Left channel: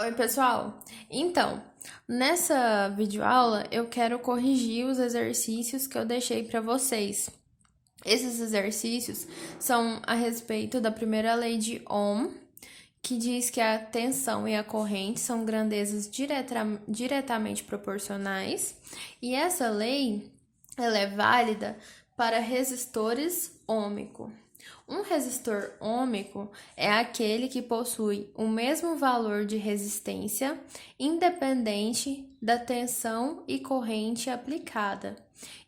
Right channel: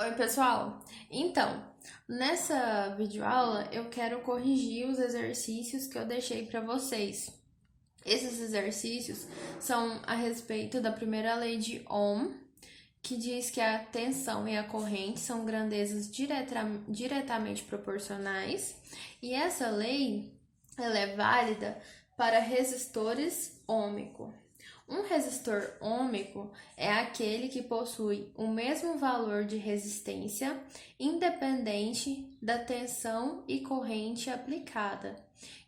Oi, pessoal! Então, nessa videoaula eu quero corrigir os exercícios que eu deixei para vocês. Esses exercícios são a respeito da primeira lei de Ohm, que diz que a tensão e a corrente são grandezas diretamente proporcionais, e essa lei ela é válida para resistores ôhmicos. Um resistor ôhmico é aquele que possui o mesmo valor de resistência, independente da tensão e corrente aplicada.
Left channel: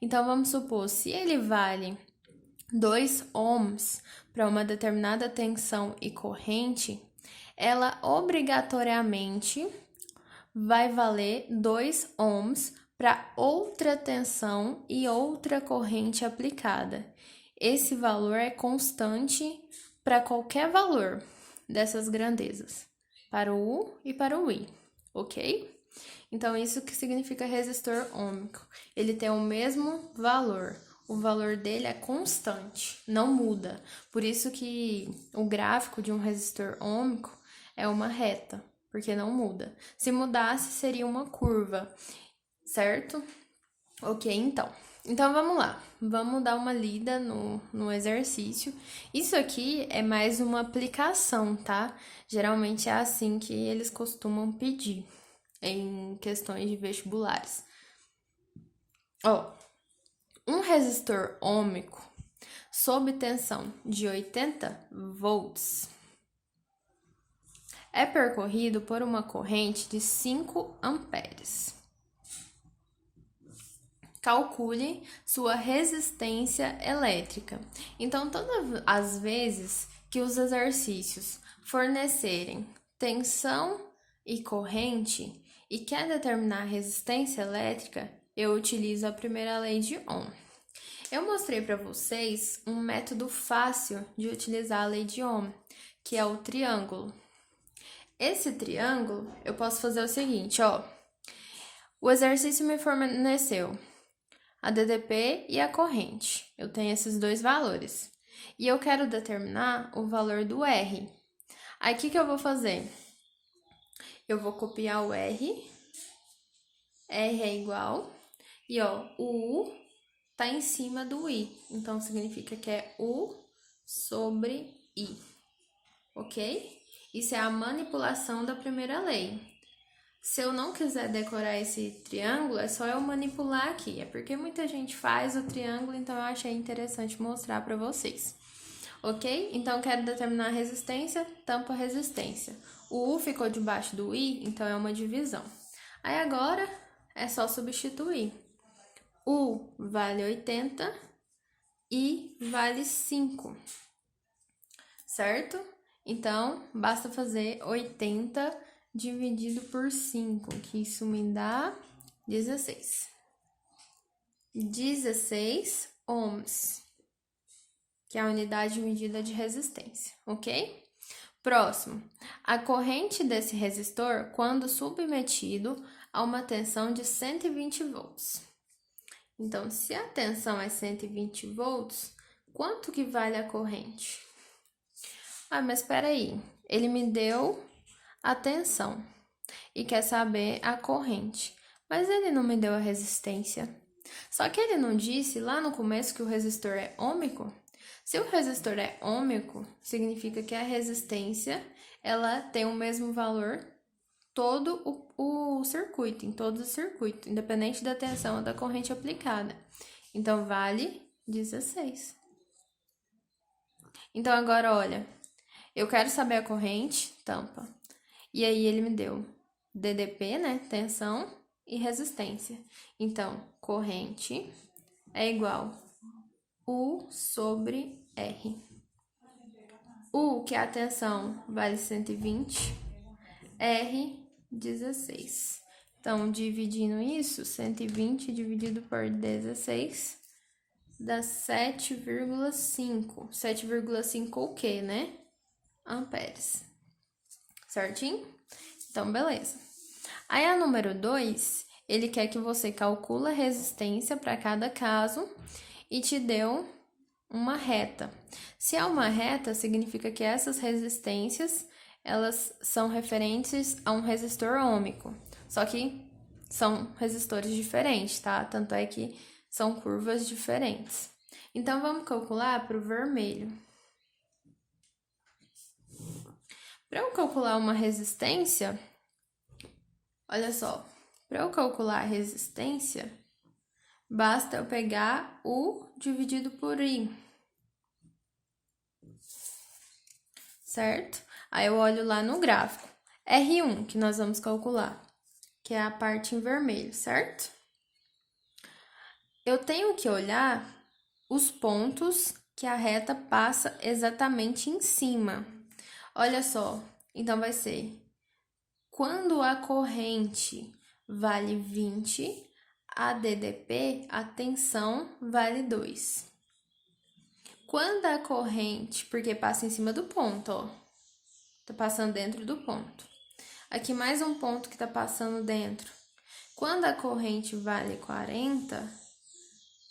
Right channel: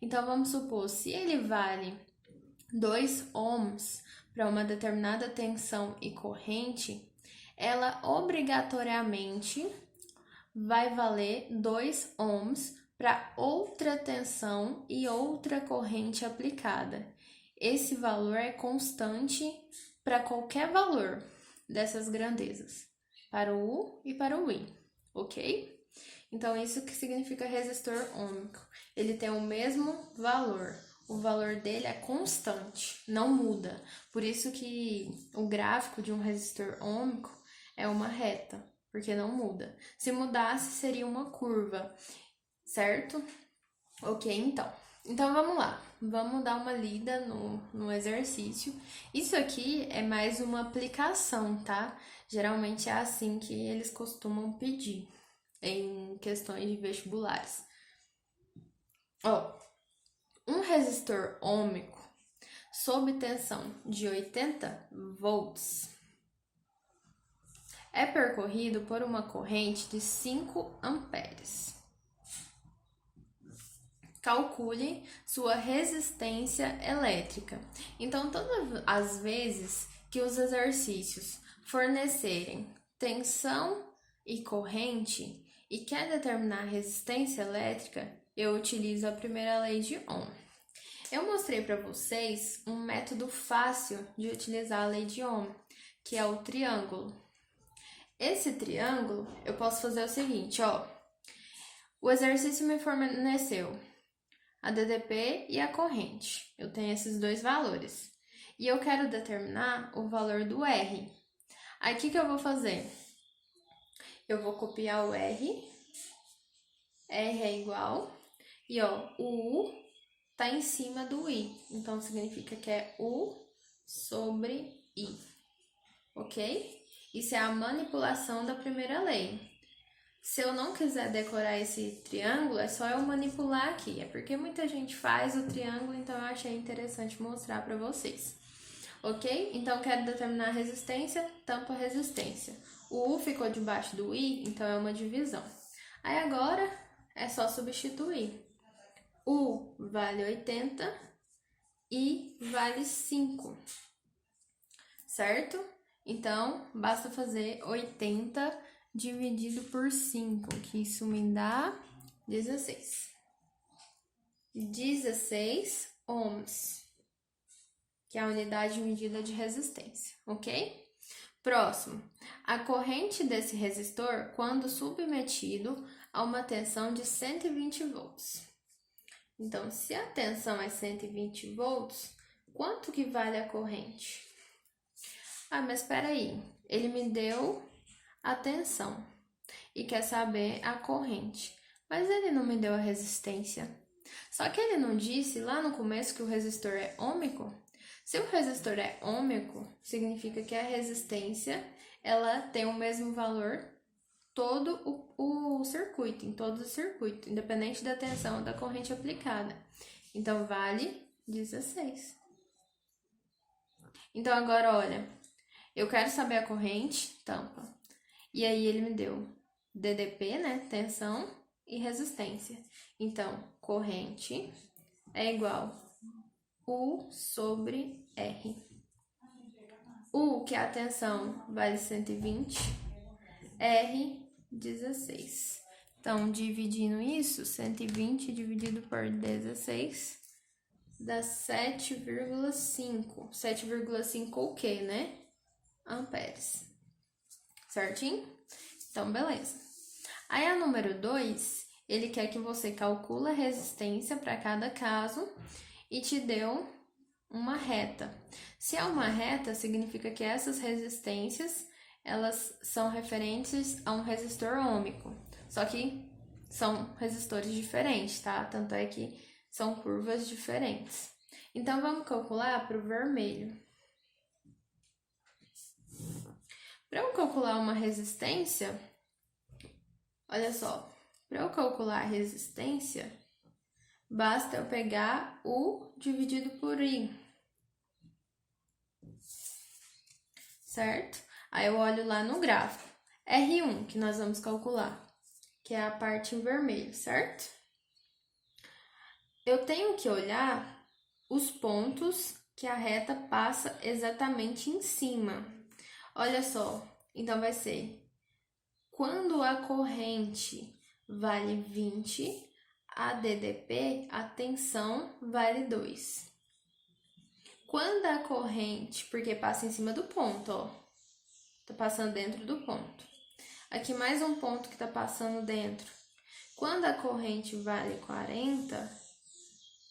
Então, vamos supor, se ele vale 2 ohms para uma determinada tensão e corrente, ela obrigatoriamente vai valer 2 ohms para outra tensão e outra corrente aplicada. Esse valor é constante para qualquer valor dessas grandezas, para o U e para o I, ok? Então, isso que significa resistor ôhmico. Ele tem o mesmo valor. O valor dele é constante, não muda. Por isso que o gráfico de um resistor ôhmico é uma reta, porque não muda. Se mudasse, seria uma curva, certo? Ok, então. Então, vamos lá. Vamos dar uma lida no exercício. Isso aqui é mais uma aplicação, tá? Geralmente é assim que eles costumam pedir em questões de vestibulares. Ó, um resistor ôhmico sob tensão de 80 volts é percorrido por uma corrente de 5 amperes. Calcule sua resistência elétrica. Então, todas as vezes que os exercícios fornecerem tensão e corrente e quer determinar a resistência elétrica, eu utilizo a primeira lei de Ohm. Eu mostrei para vocês um método fácil de utilizar a lei de Ohm, que é o triângulo. Esse triângulo, eu posso fazer o seguinte, ó. O exercício me forneceu a DDP e a corrente. Eu tenho esses dois valores. E eu quero determinar o valor do R. Aí, o que eu vou fazer? Eu vou copiar o R. R é igual. E, ó, o U tá em cima do I. Então, significa que é U sobre I. Ok? Isso é a manipulação da primeira lei. Se eu não quiser decorar esse triângulo, é só eu manipular aqui. É porque muita gente faz o triângulo, então eu achei interessante mostrar para vocês. Ok? Então, eu quero determinar a resistência, tampa resistência. O U ficou debaixo do I, então é uma divisão. Aí agora é só substituir. U vale 80, I vale 5, certo? Então, basta fazer 80 dividido por 5, que isso me dá 16. 16 ohms, que é a unidade de medida de resistência, ok? Próximo, a corrente desse resistor quando submetido a uma tensão de 120 volts. Então, se a tensão é 120 volts, quanto que vale a corrente? Ah, mas espera aí, ele me deu a tensão e quer saber a corrente, mas ele não me deu a resistência. Só que ele não disse lá no começo que o resistor é ôhmico? Se o resistor é ôhmico, significa que a resistência ela tem o mesmo valor todo o circuito, em todo o circuito, independente da tensão ou da corrente aplicada. Então, vale 16. Então, agora, olha, eu quero saber a corrente, tampa. E aí, ele me deu DDP, né, tensão e resistência. Então, corrente é igual U sobre R. U, que é a tensão, vale 120, R, 16. Então, dividindo isso, 120 dividido por 16 dá 7,5. 7,5 o quê, né? Amperes. Certinho? Então, beleza. Aí, a número 2, ele quer que você calcule a resistência para cada caso e te deu uma reta. Se é uma reta, significa que essas resistências elas são referentes a um resistor ôhmico, só que são resistores diferentes, tá? Tanto é que são curvas diferentes. Então, vamos calcular para o vermelho. Para eu calcular uma resistência, olha só, para eu calcular a resistência, basta eu pegar U dividido por I, certo? Aí eu olho lá no gráfico, R1, que nós vamos calcular, que é a parte em vermelho, certo? Eu tenho que olhar os pontos que a reta passa exatamente em cima. Olha só, então vai ser, quando a corrente vale 20, a DDP, a tensão, vale 2. Quando a corrente, porque passa em cima do ponto, ó, tá passando dentro do ponto. Aqui mais um ponto que tá passando dentro. Quando a corrente vale 40,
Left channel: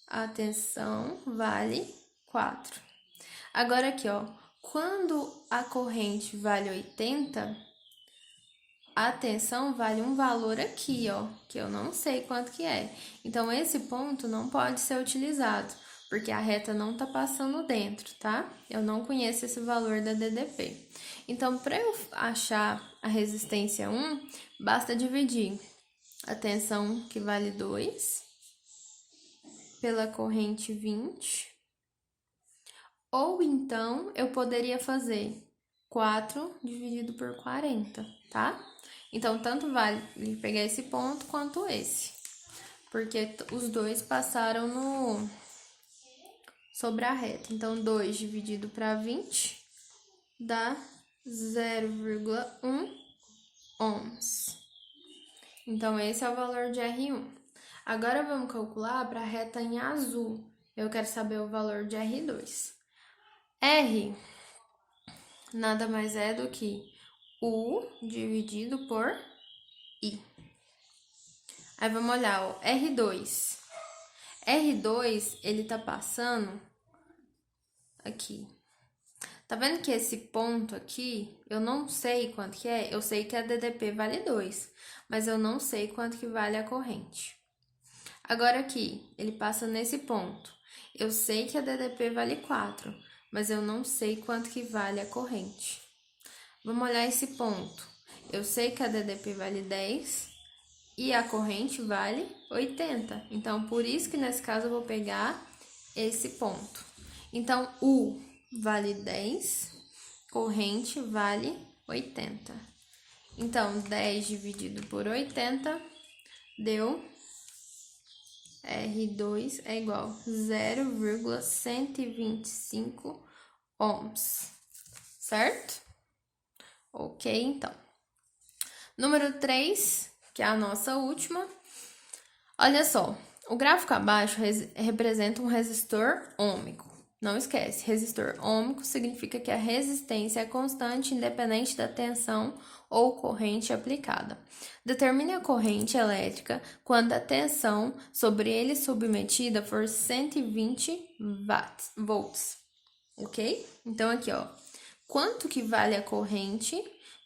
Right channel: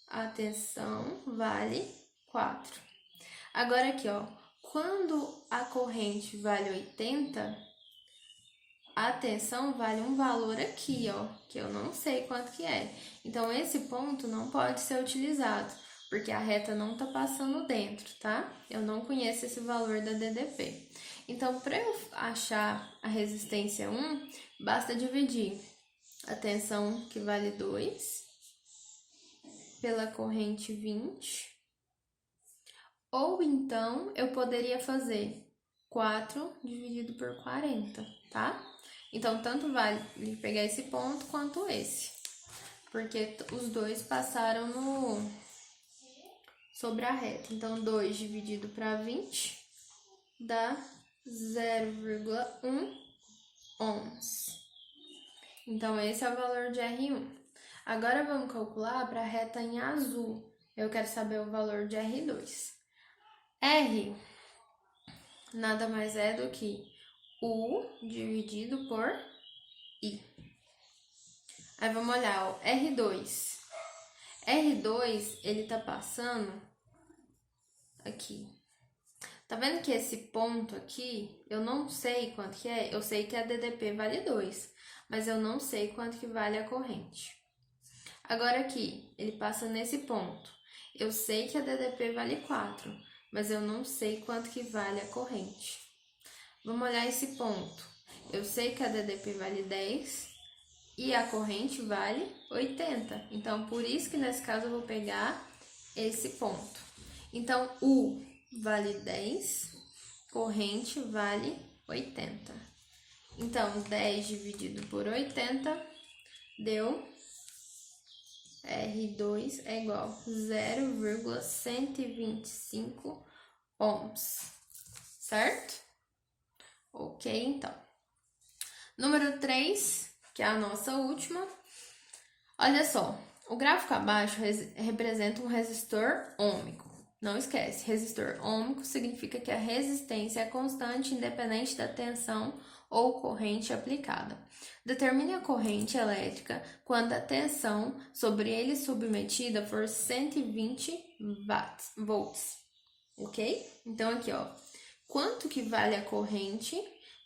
a tensão vale 4. Agora aqui, ó, quando a corrente vale 80, a tensão vale um valor aqui, ó, que eu não sei quanto que é. Então, esse ponto não pode ser utilizado, porque a reta não tá passando dentro, tá? Eu não conheço esse valor da DDP. Então, para eu achar a resistência 1, basta dividir a tensão, que vale 2, pela corrente 20. Ou então, eu poderia fazer 4 dividido por 40, tá? Então, tanto vale pegar esse ponto quanto esse, porque os dois passaram sobre a reta. Então, 2 dividido para 20 dá 0,1 ohms. Então, esse é o valor de R1. Agora, vamos calcular para a reta em azul. Eu quero saber o valor de R2. R nada mais é do que U dividido por I. Aí vamos olhar, ó, R2. R2, ele tá passando aqui. Tá vendo que esse ponto aqui, eu não sei quanto que é? Eu sei que a DDP vale 2, mas eu não sei quanto que vale a corrente. Agora aqui, ele passa nesse ponto. Eu sei que a DDP vale 4, mas eu não sei quanto que vale a corrente. Vamos olhar esse ponto. Eu sei que a DDP vale 10 e a corrente vale 80. Então, por isso que nesse caso eu vou pegar esse ponto. Então, U vale 10, corrente vale 80. Então, 10 dividido por 80 deu R2 é igual a 0,125 ohms, certo? Ok, então. Número 3, que é a nossa última. Olha só, o gráfico abaixo representa um resistor ôhmico. Não esquece, resistor ôhmico significa que a resistência é constante independente da tensão ou corrente aplicada. Determine a corrente elétrica quando a tensão sobre ele submetida for 120 volts, ok? Então, aqui, ó, quanto que vale a corrente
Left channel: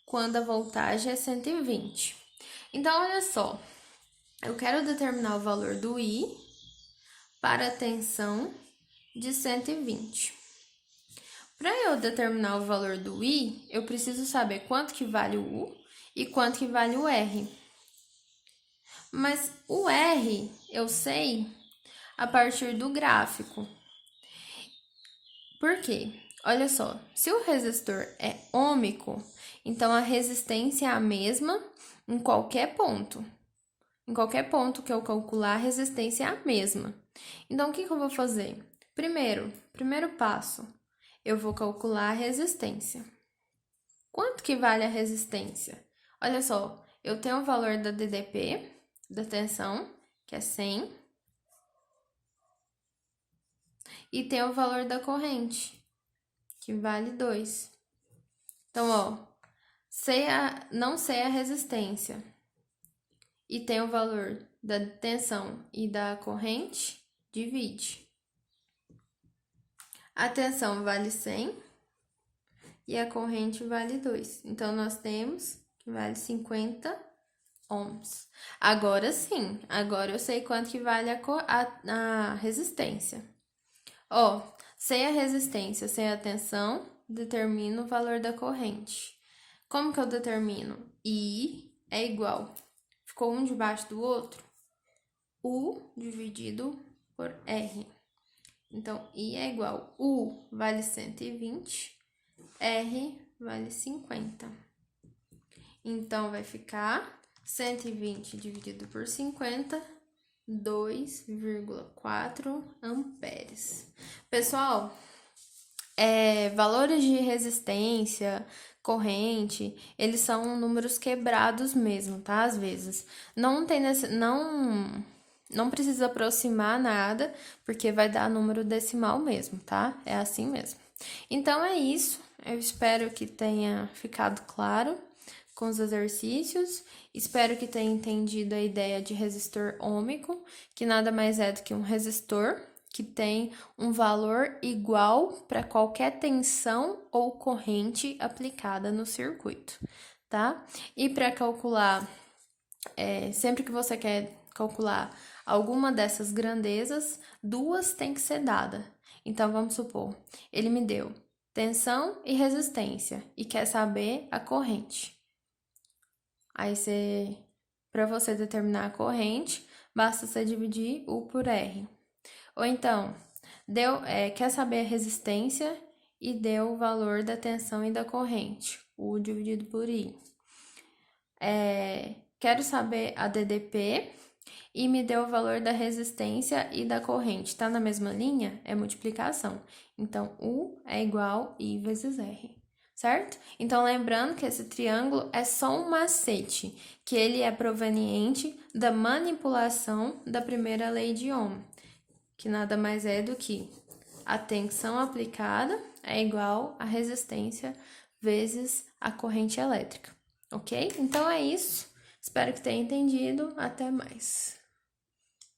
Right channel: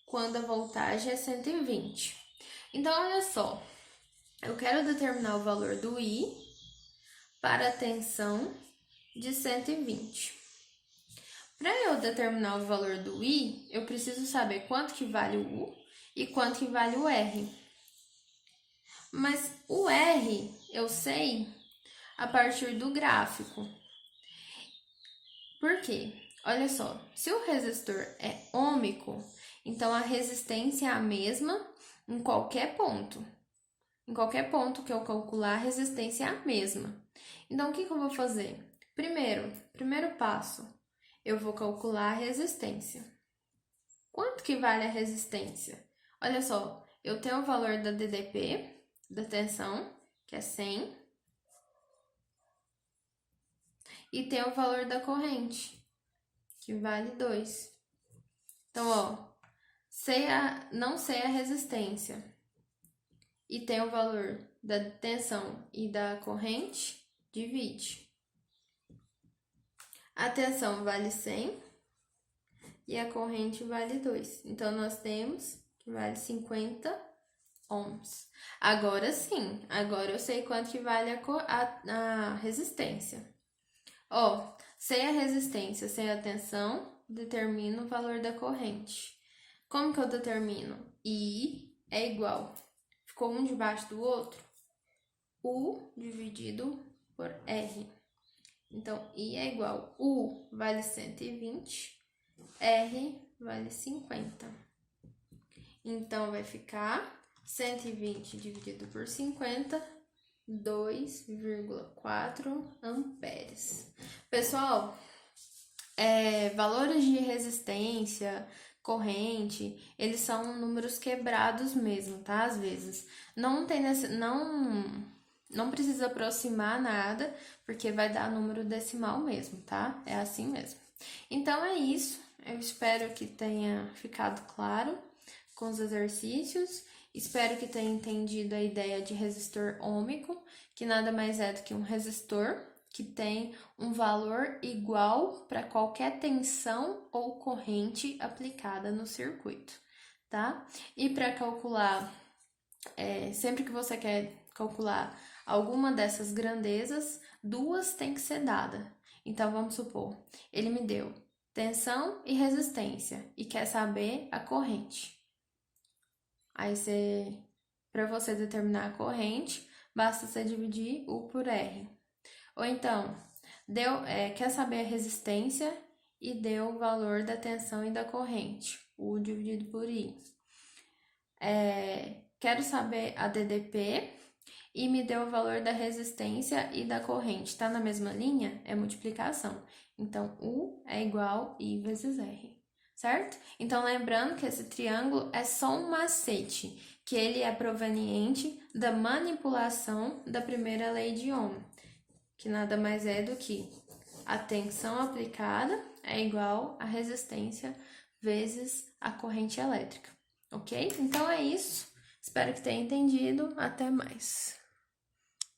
quando a voltagem é 120? Então, olha só, eu quero determinar o valor do I para a tensão de 120. Para eu determinar o valor do I, eu preciso saber quanto que vale o U e quanto que vale o R. Mas o R eu sei a partir do gráfico. Por quê? Olha só, se o resistor é ôhmico, então a resistência é a mesma em qualquer ponto. Em qualquer ponto que eu calcular, a resistência é a mesma. Então, o que eu vou fazer? Primeiro passo, eu vou calcular a resistência. Quanto que vale a resistência? Olha só, eu tenho o valor da DDP, da tensão, que é 100, e tenho o valor da corrente, que vale 2. Então, ó, não sei a resistência, e tem o valor da tensão e da corrente, divide. A tensão vale 100 e a corrente vale 2. Então, nós temos que vale 50 ohms. Agora sim, agora eu sei quanto que vale a resistência. Ó, sem a resistência, sem a tensão, determino o valor da corrente. Como que eu determino? I é igual. Ficou um debaixo do outro? U dividido por R. Então, I é igual. U vale 120, R vale 50. Então, vai ficar 120 dividido por 50, 2,4 amperes. Pessoal, valores de resistência, corrente, eles são números quebrados mesmo, tá? Às vezes. Não precisa aproximar nada, porque vai dar número decimal mesmo, tá? É assim mesmo. Então, é isso. Eu espero que tenha ficado claro com os exercícios. Espero que tenha entendido a ideia de resistor ôhmico, que nada mais é do que um resistor que tem um valor igual para qualquer tensão ou corrente aplicada no circuito, tá? E para calcular, sempre que você quer calcular alguma dessas grandezas, duas tem que ser dada. Então, vamos supor, ele me deu tensão e resistência e quer saber a corrente. Aí, para você determinar a corrente, basta você dividir U por R. Ou então, quer saber a resistência e deu o valor da tensão e da corrente, U dividido por I. Quero saber a DDP e me deu o valor da resistência e da corrente. Está na mesma linha? É multiplicação. Então, U é igual I vezes R, certo? Então, lembrando que esse triângulo é só um macete, que ele é proveniente da manipulação da primeira lei de Ohm, que nada mais é do que a tensão aplicada é igual a resistência vezes a corrente elétrica, ok? Então é isso. Espero que tenha entendido. Até mais.